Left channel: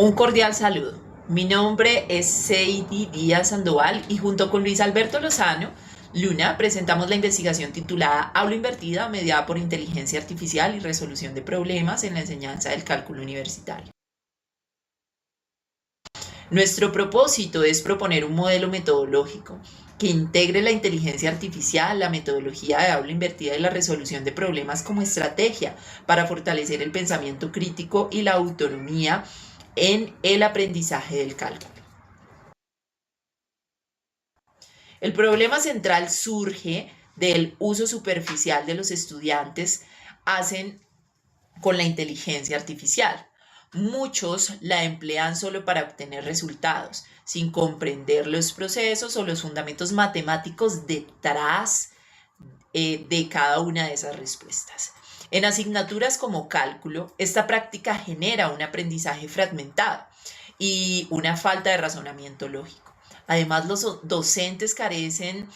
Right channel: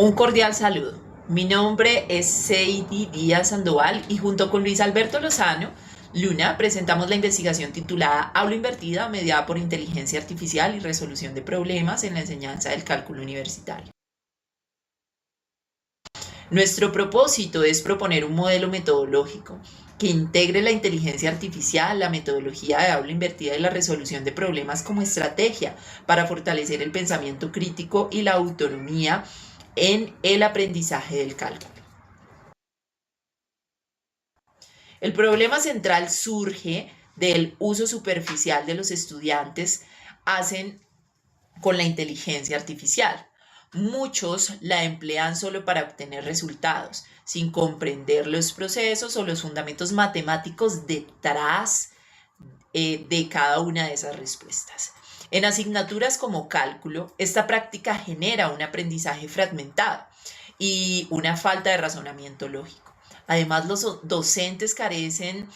Un cordial saludo. Mi nombre es Seidi Díaz Sandoval y junto con Luis Alberto Lozano, Luna, presentamos la investigación titulada Aula Invertida, mediada por inteligencia artificial y resolución de problemas en la enseñanza del cálculo universitario. Nuestro propósito es proponer un modelo metodológico que integre la inteligencia artificial, la metodología de aula invertida y la resolución de problemas como estrategia para fortalecer el pensamiento crítico y la autonomía en el aprendizaje del cálculo. El problema central surge del uso superficial de los estudiantes hacen con la inteligencia artificial. Muchos la emplean solo para obtener resultados, sin comprender los procesos o los fundamentos matemáticos detrás de cada una de esas respuestas. En asignaturas como cálculo, esta práctica genera un aprendizaje fragmentado y una falta de razonamiento lógico. Además, los docentes carecen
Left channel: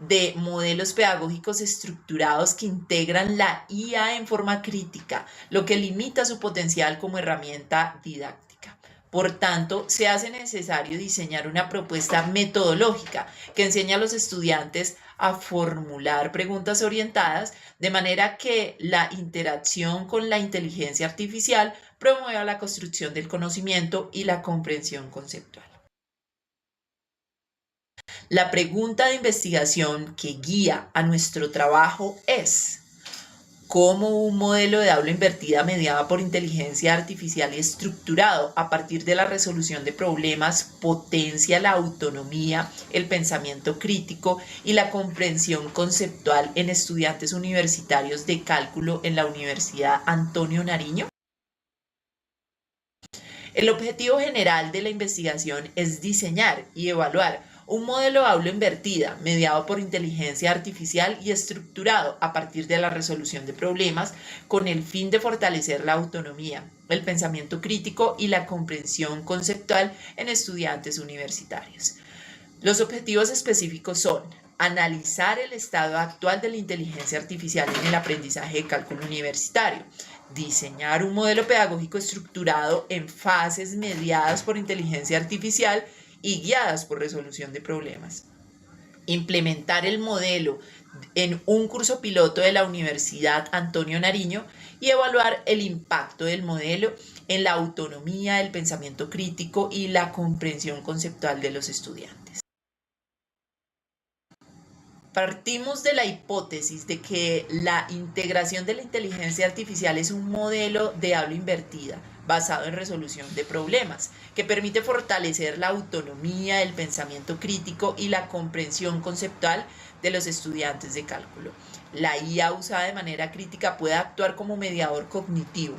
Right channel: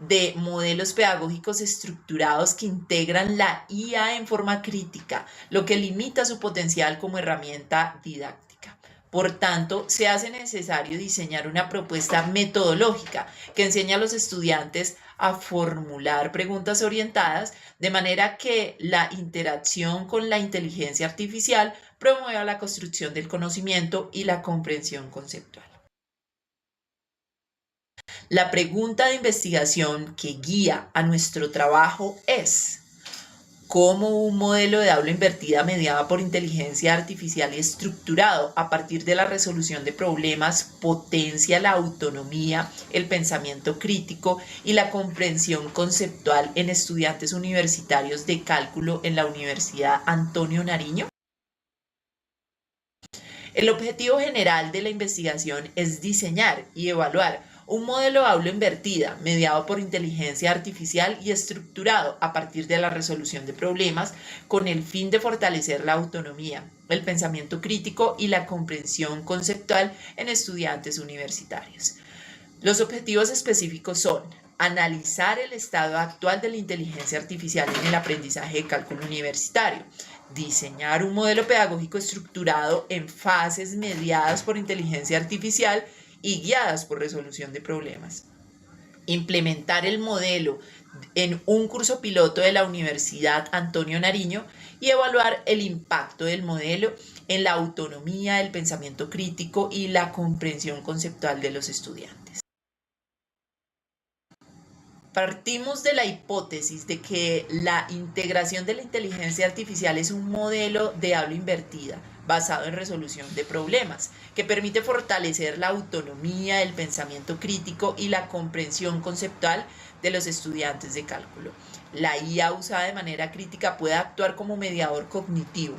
de modelos pedagógicos estructurados que integran la IA en forma crítica, lo que limita su potencial como herramienta didáctica. Por tanto, se hace necesario diseñar una propuesta metodológica que enseñe a los estudiantes a formular preguntas orientadas de manera que la interacción con la inteligencia artificial promueva la construcción del conocimiento y la comprensión conceptual. La pregunta de investigación que guía a nuestro trabajo es: ¿cómo un modelo de aula invertida mediada por inteligencia artificial y estructurado a partir de la resolución de problemas potencia la autonomía, el pensamiento crítico y la comprensión conceptual en estudiantes universitarios de cálculo en la Universidad Antonio Nariño? El objetivo general de la investigación es diseñar y evaluar un modelo de aula invertida mediado por inteligencia artificial y estructurado a partir de la resolución de problemas con el fin de fortalecer la autonomía, el pensamiento crítico y la comprensión conceptual en estudiantes universitarios. Los objetivos específicos son analizar el estado actual de la inteligencia artificial en el aprendizaje de cálculo universitario, diseñar un modelo pedagógico estructurado en fases mediadas por inteligencia artificial y guiadas por resolución de problemas, implementar el modelo en un curso piloto de la Universidad Antonio Nariño y evaluar el impacto del modelo en la autonomía, el pensamiento crítico y la comprensión conceptual de los estudiantes. Partimos de la hipótesis de que la integración de la inteligencia artificial es un modelo de aula invertida basado en resolución de problemas, que permite fortalecer la autonomía, el pensamiento crítico y la comprensión conceptual de los estudiantes de cálculo. La IA usada de manera crítica puede actuar como mediador cognitivo,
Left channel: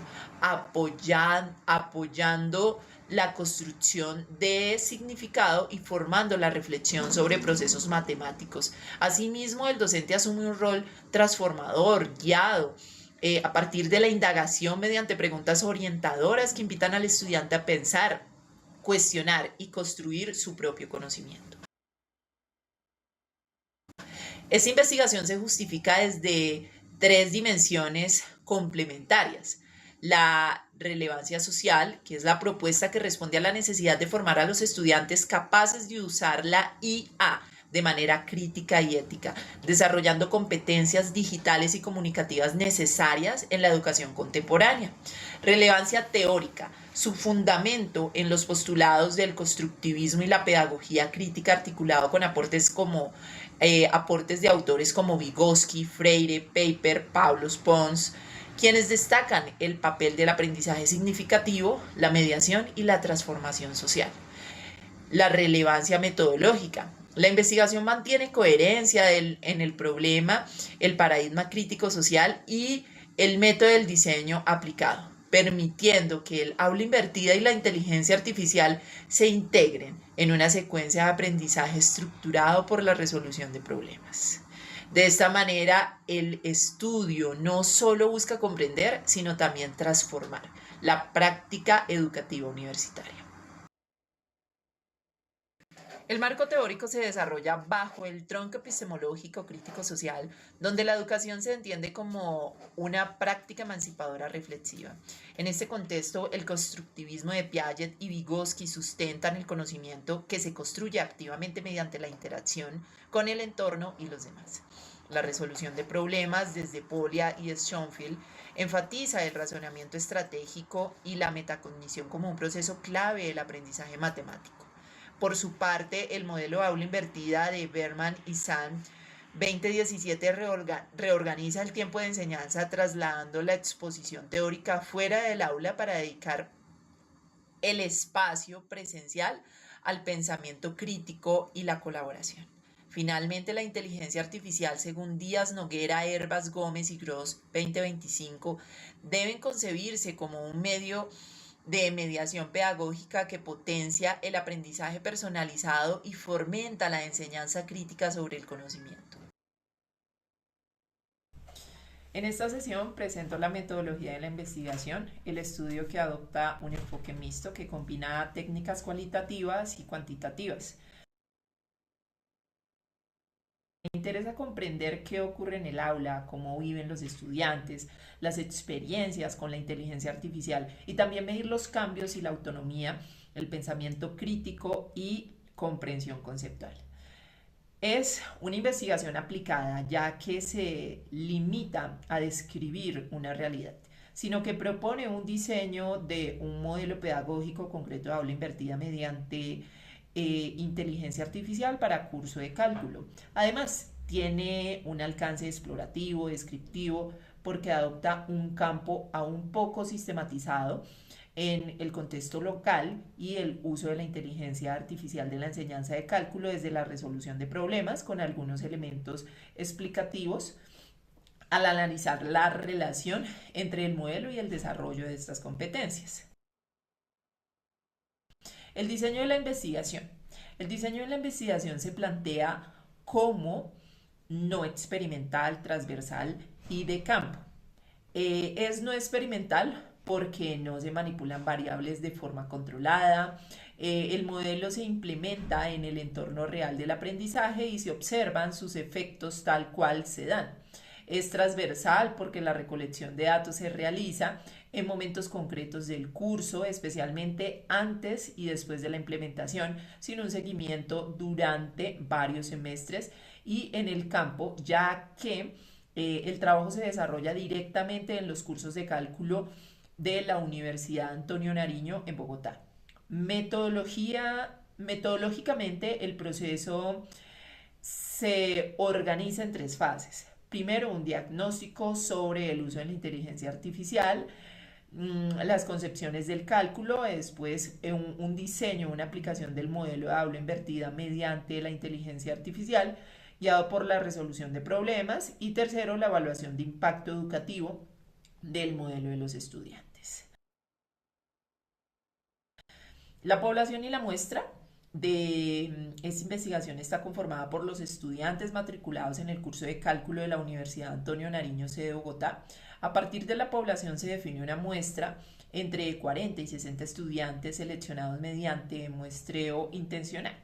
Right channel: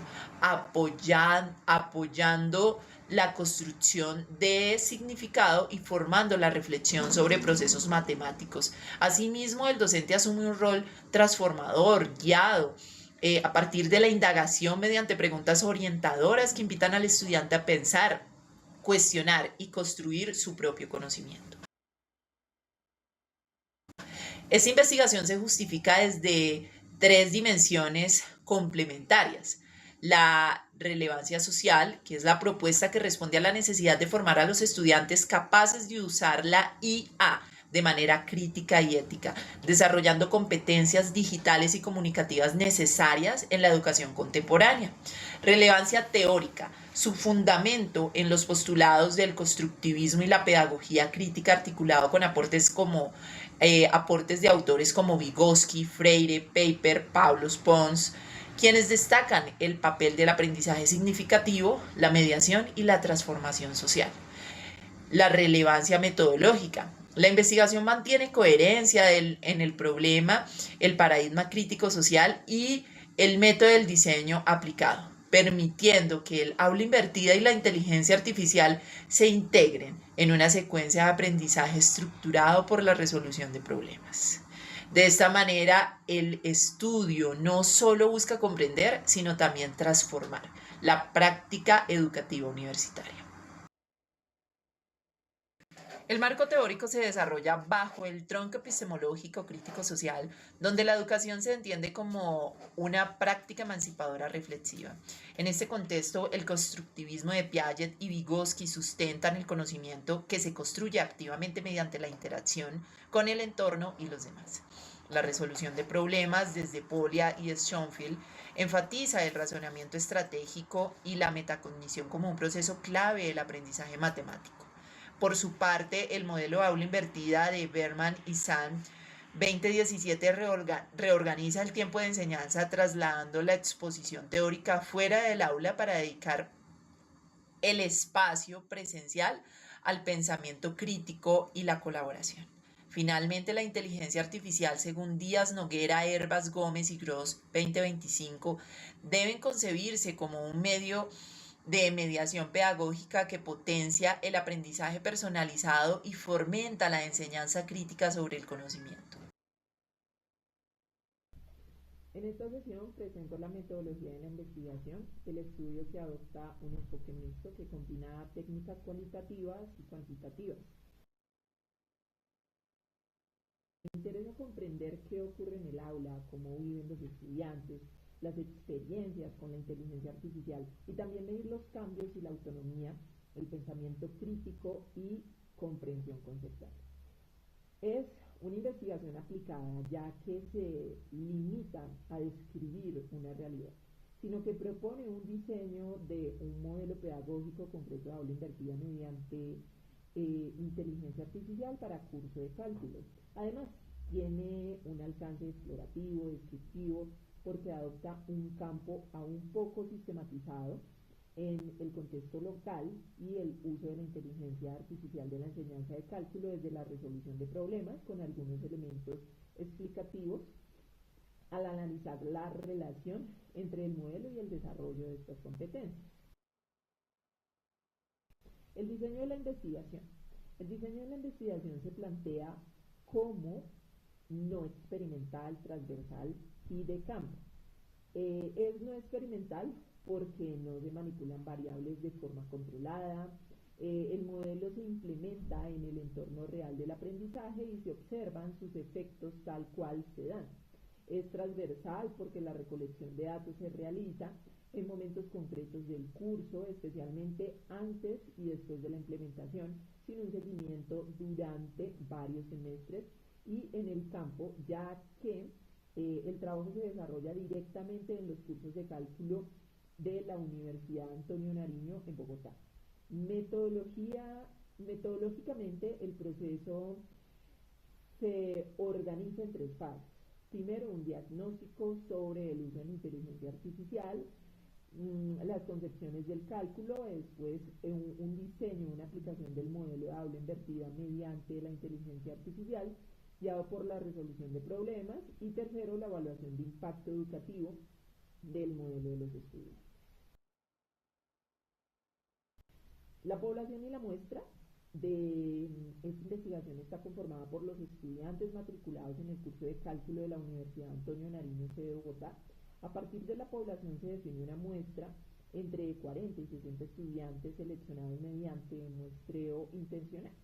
apoyando la construcción de significado y formando la reflexión sobre procesos matemáticos. Asimismo, el docente asume un rol transformador, guiado, a partir de la indagación mediante preguntas orientadoras que invitan al estudiante a pensar, cuestionar y construir su propio conocimiento. Esta investigación se justifica desde tres dimensiones complementarias: la relevancia social, que es la propuesta que responde a la necesidad de formar a los estudiantes capaces de usar la IA de manera crítica y ética, desarrollando competencias digitales y comunicativas necesarias en la educación contemporánea. Relevancia teórica, su fundamento en los postulados del constructivismo y la pedagogía crítica, articulado con aportes de autores como Vygotsky, Freire, Paper, Pavlos, Pons, quienes destacan el papel del aprendizaje significativo, la mediación y la transformación social. La relevancia metodológica. La investigación mantiene coherencia en el problema, el paradigma crítico social y el método del diseño aplicado, permitiendo que el aula invertida y la inteligencia artificial se integren en una secuencia de aprendizaje estructurado por la resolución de problemas. De esta manera, el estudio no solo busca comprender, sino también transformar la práctica educativa universitaria. El marco teórico se desarrolla bajo el tronco epistemológico crítico social, donde la educación se entiende como una práctica emancipadora reflexiva. En este contexto, el constructivismo de Piaget y Vygotsky sustentan el conocimiento que se construye activamente mediante la interacción con el entorno y los demás. La resolución de problemas desde Polya y Schoenfield enfatiza el razonamiento estratégico y la metacognición como un proceso clave del aprendizaje matemático. Por su parte, el modelo aula invertida de Berman y Sand 2017 reorganiza el tiempo de enseñanza trasladando la exposición teórica fuera del aula para dedicar el espacio presencial al pensamiento crítico y la colaboración. Finalmente, la inteligencia artificial, según Díaz Noguera, Herbas Gómez y Gross 2025, deben concebirse como un medio de mediación pedagógica que potencia el aprendizaje personalizado y fomenta la enseñanza crítica sobre el conocimiento. En esta sesión presento la metodología de la investigación, el estudio que adopta un enfoque mixto que combina técnicas cualitativas y cuantitativas. Me interesa comprender qué ocurre en el aula, cómo viven los estudiantes, las experiencias con la inteligencia artificial y también medir los cambios y la autonomía, el pensamiento crítico y comprensión conceptual. Es una investigación aplicada ya que se limita a describir una realidad, sino que propone un diseño de un modelo pedagógico concreto de aula invertida mediante inteligencia artificial para curso de cálculo. Además, tiene un alcance explorativo, descriptivo, porque adopta un campo aún poco sistematizado en el contexto local y el uso de la inteligencia artificial de la enseñanza de cálculo desde la resolución de problemas con algunos elementos explicativos al analizar la relación entre el modelo y el desarrollo de estas competencias. El diseño de la investigación. El diseño de la investigación se plantea como no experimental, transversal y de campo. Es no experimental porque no se manipulan variables de forma controlada, el modelo se implementa en el entorno real del aprendizaje y se observan sus efectos tal cual se dan. Es transversal porque la recolección de datos se realiza en momentos concretos del curso, especialmente antes y después de la implementación, sin un seguimiento durante varios semestres y en el campo, ya que el trabajo se desarrolla directamente en los cursos de cálculo de la Universidad Antonio Nariño en Bogotá. Metodológicamente el proceso se organiza en tres fases. Primero, un diagnóstico sobre el uso de la inteligencia artificial, las concepciones del cálculo, después un diseño, una aplicación del modelo de aula invertida mediante la inteligencia artificial, guiado por la resolución de problemas, y tercero, la evaluación de impacto educativo del modelo de los estudiantes. La población y la muestra de esta investigación está conformada por los estudiantes matriculados en el curso de cálculo de la Universidad Antonio Nariño, sede Bogotá. A partir de la población se define una muestra entre 40 y 60 estudiantes seleccionados mediante muestreo intencional.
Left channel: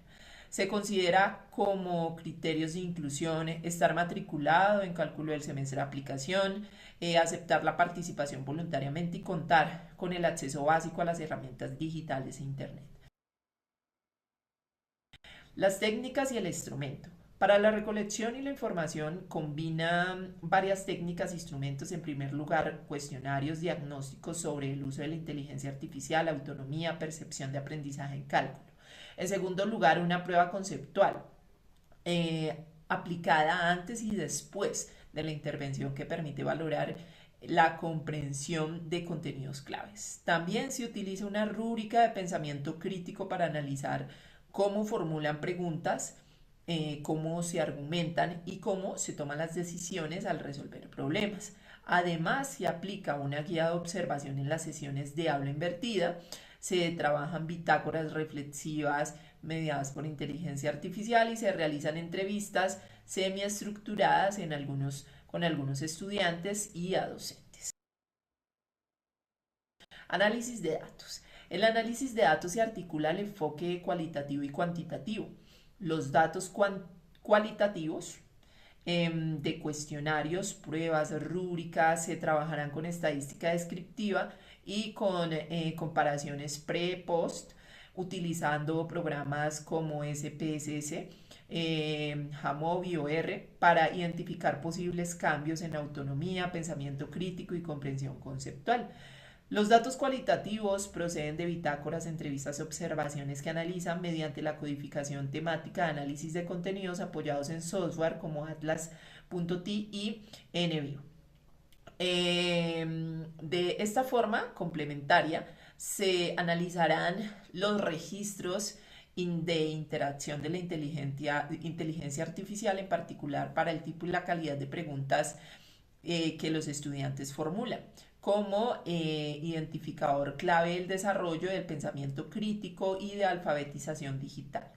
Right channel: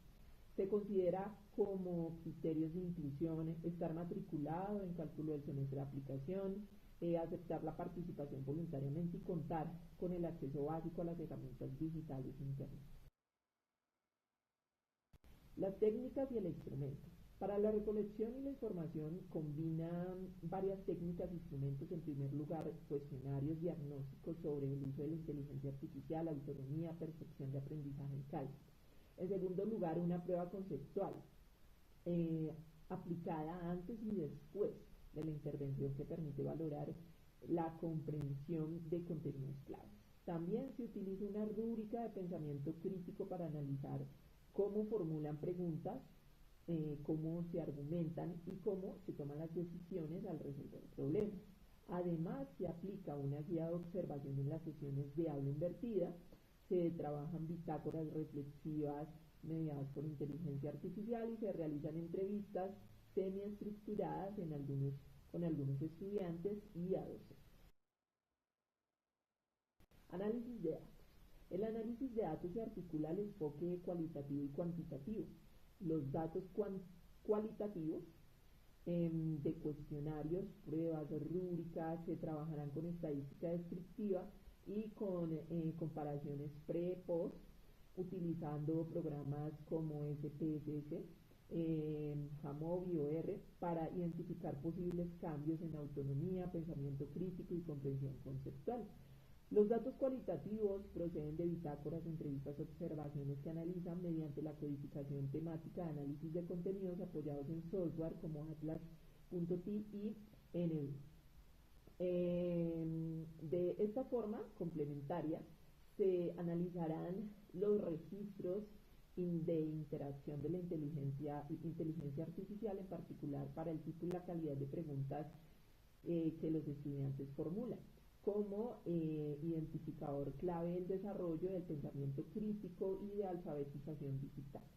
Se considera como criterios de inclusión estar matriculado en cálculo del semestre de aplicación, aceptar la participación voluntariamente y contar con el acceso básico a las herramientas digitales e Internet. Las técnicas y el instrumento. Para la recolección y la información combina varias técnicas e instrumentos. En primer lugar, cuestionarios diagnósticos sobre el uso de la inteligencia artificial, autonomía, percepción de aprendizaje en cálculo. En segundo lugar, una prueba conceptual aplicada antes y después de la intervención que permite valorar la comprensión de contenidos claves. También se utiliza una rúbrica de pensamiento crítico para analizar cómo formulan preguntas, cómo se argumentan y cómo se toman las decisiones al resolver problemas. Además, se aplica una guía de observación en las sesiones de aula invertida, se trabajan bitácoras reflexivas mediadas por inteligencia artificial y se realizan entrevistas semiestructuradas con algunos estudiantes y a docentes. Análisis de datos. El análisis de datos se articula al enfoque cualitativo y cuantitativo. Los datos cualitativos de cuestionarios, pruebas, rúbricas, se trabajarán con estadística descriptiva y con comparaciones pre-post, utilizando programas como SPSS, Jamovi o R, para identificar posibles cambios en autonomía, pensamiento crítico y comprensión conceptual. Los datos cualitativos proceden de bitácoras, entrevistas y observaciones que analizan mediante la codificación temática de análisis de contenidos apoyados en software como Atlas.t y NBio. De esta forma complementaria se analizarán los registros de interacción de la inteligencia artificial, en particular para el tipo y la calidad de preguntas que los estudiantes formulan como identificador clave del desarrollo del pensamiento crítico y de alfabetización digital.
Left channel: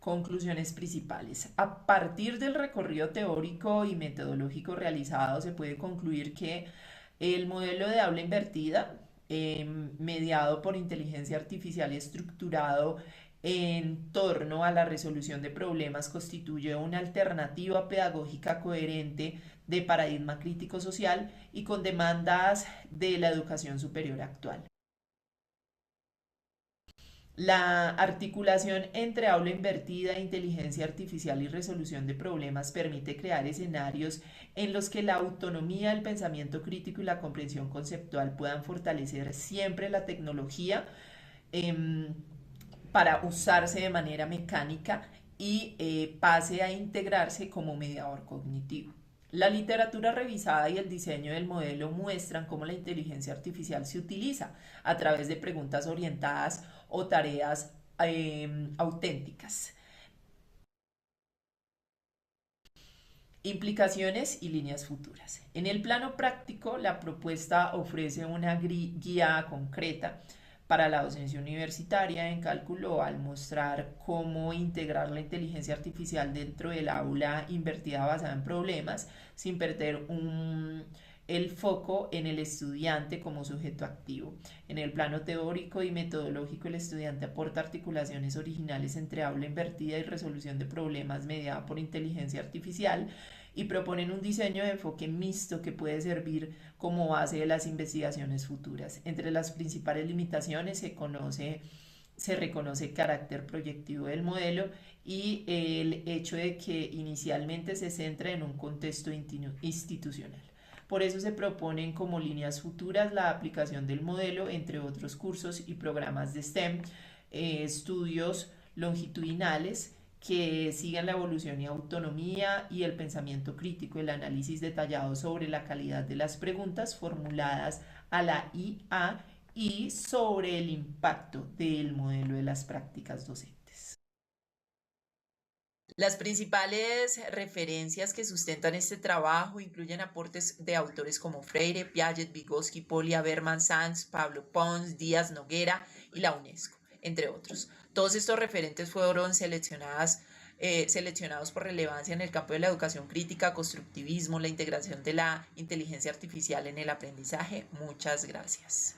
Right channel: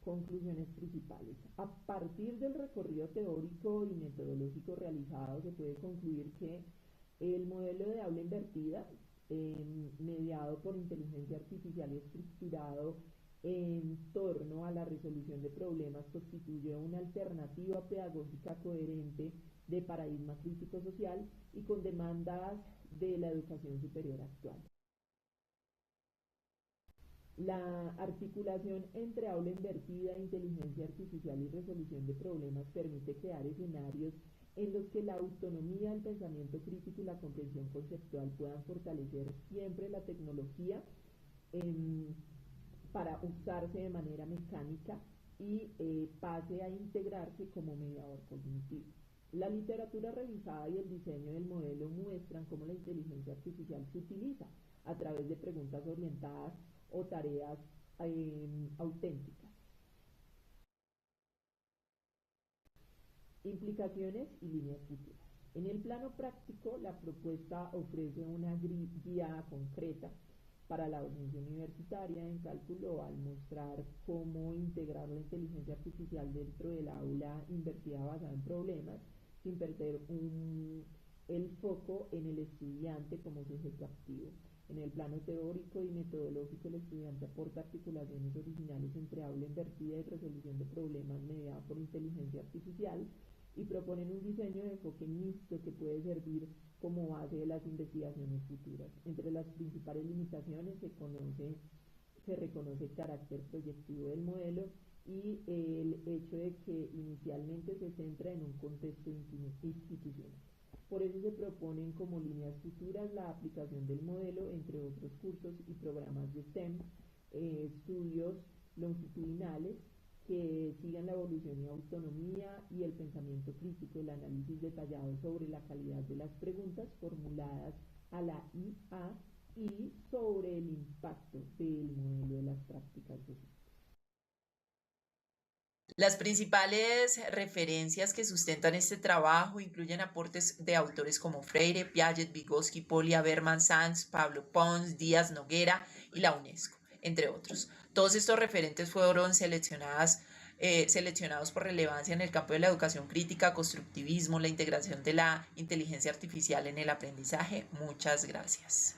Conclusiones principales. A partir del recorrido teórico y metodológico realizado, se puede concluir que el modelo de habla invertida, mediado por inteligencia artificial y estructurado en torno a la resolución de problemas, constituye una alternativa pedagógica coherente de paradigma crítico social y con demandas de la educación superior actual. La articulación entre aula invertida, inteligencia artificial y resolución de problemas permite crear escenarios en los que la autonomía del pensamiento crítico y la comprensión conceptual puedan fortalecer siempre la tecnología eh, para usarse de manera mecánica y pase a integrarse como mediador cognitivo. La literatura revisada y el diseño del modelo muestran cómo la inteligencia artificial se utiliza a través de preguntas orientadas o tareas auténticas. Implicaciones y líneas futuras. En el plano práctico, la propuesta ofrece una guía concreta para la docencia universitaria en cálculo al mostrar cómo integrar la inteligencia artificial dentro del aula invertida basada en problemas sin perder el foco en el estudiante como sujeto activo. En el plano teórico y metodológico, el estudiante aporta articulaciones originales entre aula invertida y resolución de problemas mediada por inteligencia artificial y proponen un diseño de enfoque mixto que puede servir como base de las investigaciones futuras. Entre las principales limitaciones se reconoce el carácter proyectivo del modelo y el hecho de que inicialmente se centra en un contexto institucional. Por eso se proponen como líneas futuras la aplicación del modelo, entre otros cursos y programas de STEM, estudios longitudinales que sigan la evolución y autonomía y el pensamiento crítico, el análisis detallado sobre la calidad de las preguntas formuladas a la IA y sobre el impacto del modelo de las prácticas docentes. Las principales referencias que sustentan este trabajo incluyen aportes de autores como Freire, Piaget, Vygotsky, Polya, Berman, Sanz, Pablo Pons, Díaz Noguera y la UNESCO, entre otros. Todos estos referentes fueron seleccionados por relevancia en el campo de la educación crítica, constructivismo, la integración de la inteligencia artificial en el aprendizaje. Muchas gracias.